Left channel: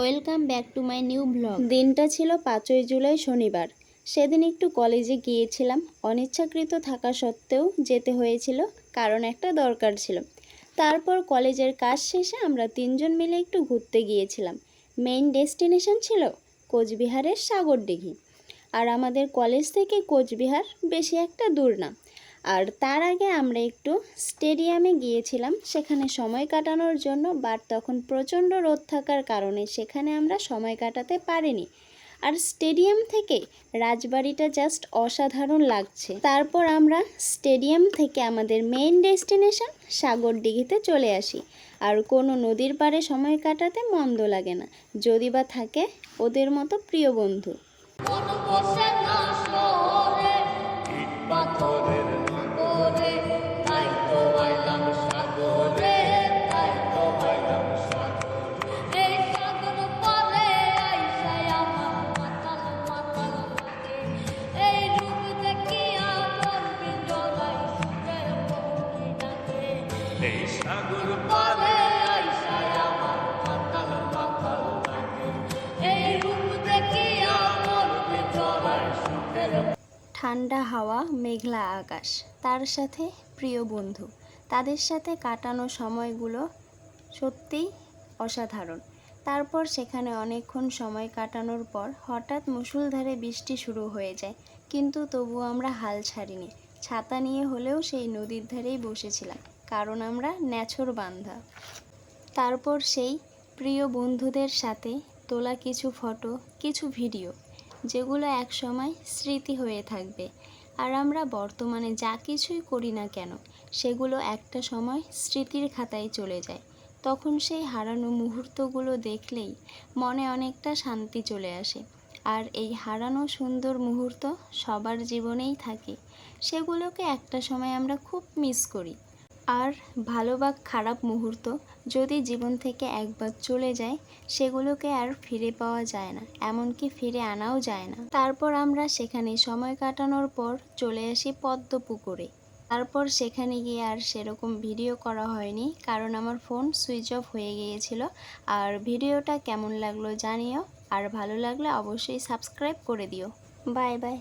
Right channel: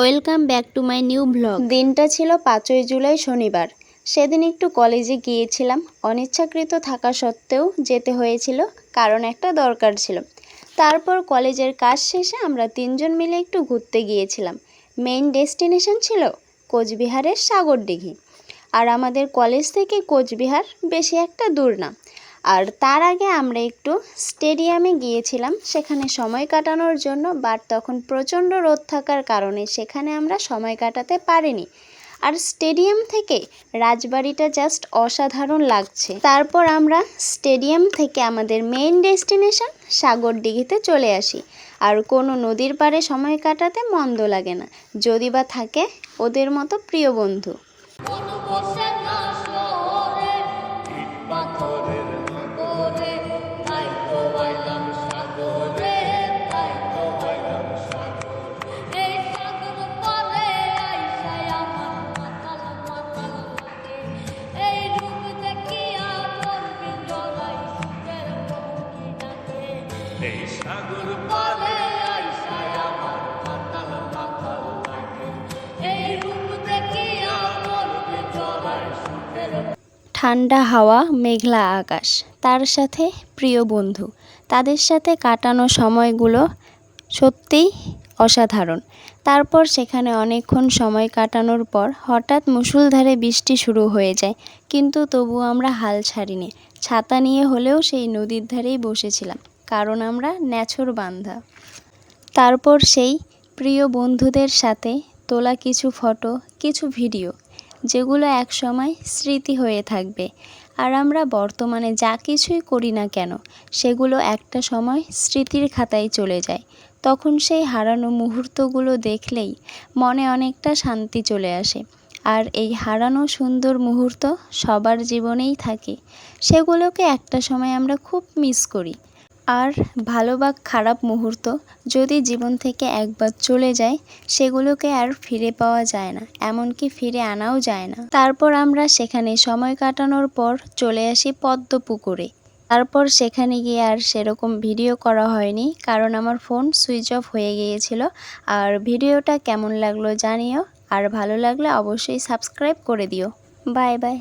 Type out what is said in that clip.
Welcome back to my new blog. দিনটা ছিল 5ই জুলাই শনিবার। সেদিন একটু কলেজে গিয়েছিলাম, অনিচ্ছাকৃত থাকা সত্ত্বেও যেতে হয়েছিল, কারণ একটা দরকার ছিল। তারপর কলেজের কাজ শেষে আমরা 3জন মিলে একটু ঘুরতে গিয়েছিলাম। মেইন ডেস্টিনেশন ছিল কোচবিহারের সাগরদিঘি। আর আমাদের কলেজ থেকে কোচবিহার বেশি একটা দূর না। আর তার আগে আমরা একটু স্টেডিয়ামে গিয়েছিলাম সেখানে সময় কাটানোর জন্য, বাট তখন প্রচণ্ড রোদ থাকার কারণে সেখানে আমরা সময় কাটাতে পারিনি। আর স্টেডিয়াম থেকে রাজবাড়িটা জাস্ট অসাধারণ লাগছে। তারপর আমরা স্টেডিয়াম থেকে আমাদের মেইন ডেস্টিনেশন সাগরদিঘিতে চলে আসি। আর কোনো নদীর পাড়ে সময় কাটাতে মন্দ লাগে না, যদি বা থাকে ওদের মতো প্রিয় বন্ধু। সাগর পারে আইসায় আমার মাতাল মাতাল লাগে, এই রূপ দেখিয়া মোর ভিতরায় সুখের। ঠান্ডা হাওয়া, মেঘলা আকাশ, তার সাথে প্রিয় বন্ধু, তাদের সাথে কাটানো সময়গুলো সত্যিই অসাধারণ। তারপর সেখানে অনেকক্ষণ সময় কাটানোর পর হঠাৎ মুষলধারে বৃষ্টি শুরু হয়ে যায়, কিন্তু তবুও আমরা হাল ছাড়িনি। ছাতা নিয়ে হলেও সেই নদীর ধারেই বসেছিলাম, কারণ আমরা নেছর বান্ধা। তারপর সেই প্রিয় বন্ধুদের সাথে তোলা কিছু ফটো, কিছু ভিডিও, যেগুলো একসময় স্মৃতি হয়ে থাকবে। আর আমরা বর্তমানে যা কিছুই করি না কেন, সেগুলো একটা সময় স্মৃতির খাতায় চলে যায়। তখন সেই হারানো মুহূর্তগুলো দেখলেই মনে অনেকটা শান্তি চলে আসে। আর এই হারানো সুন্দর মুহূর্ত সবার জীবনেই থাকে, সেগুলোকে একটা সময় আমরা খুব মিস করি। আর ভালো বা খারাপ মুহূর্ত যদি জীবন থেকে একবার চলে যায়, সেগুলোকে আর ফিরে পাওয়া যায় না, এমনকি ফিরে আনাও যায় না। তারপর আমরা সেখানে সময় কাটানোর পর চলে আসি পদ্মপুকুরে। তারপর সেখানে গিয়ে আর সেরকম ভিডিও করা হয়নি, কারণ আমার ফোন সুইচ অফ হয়ে গিয়েছিল। আর ভিডিওটা কেমন লাগলো জানিও, আর ভালো লাগলে অবশ্যই সাবস্ক্রাইব করে দিও। Bye bye.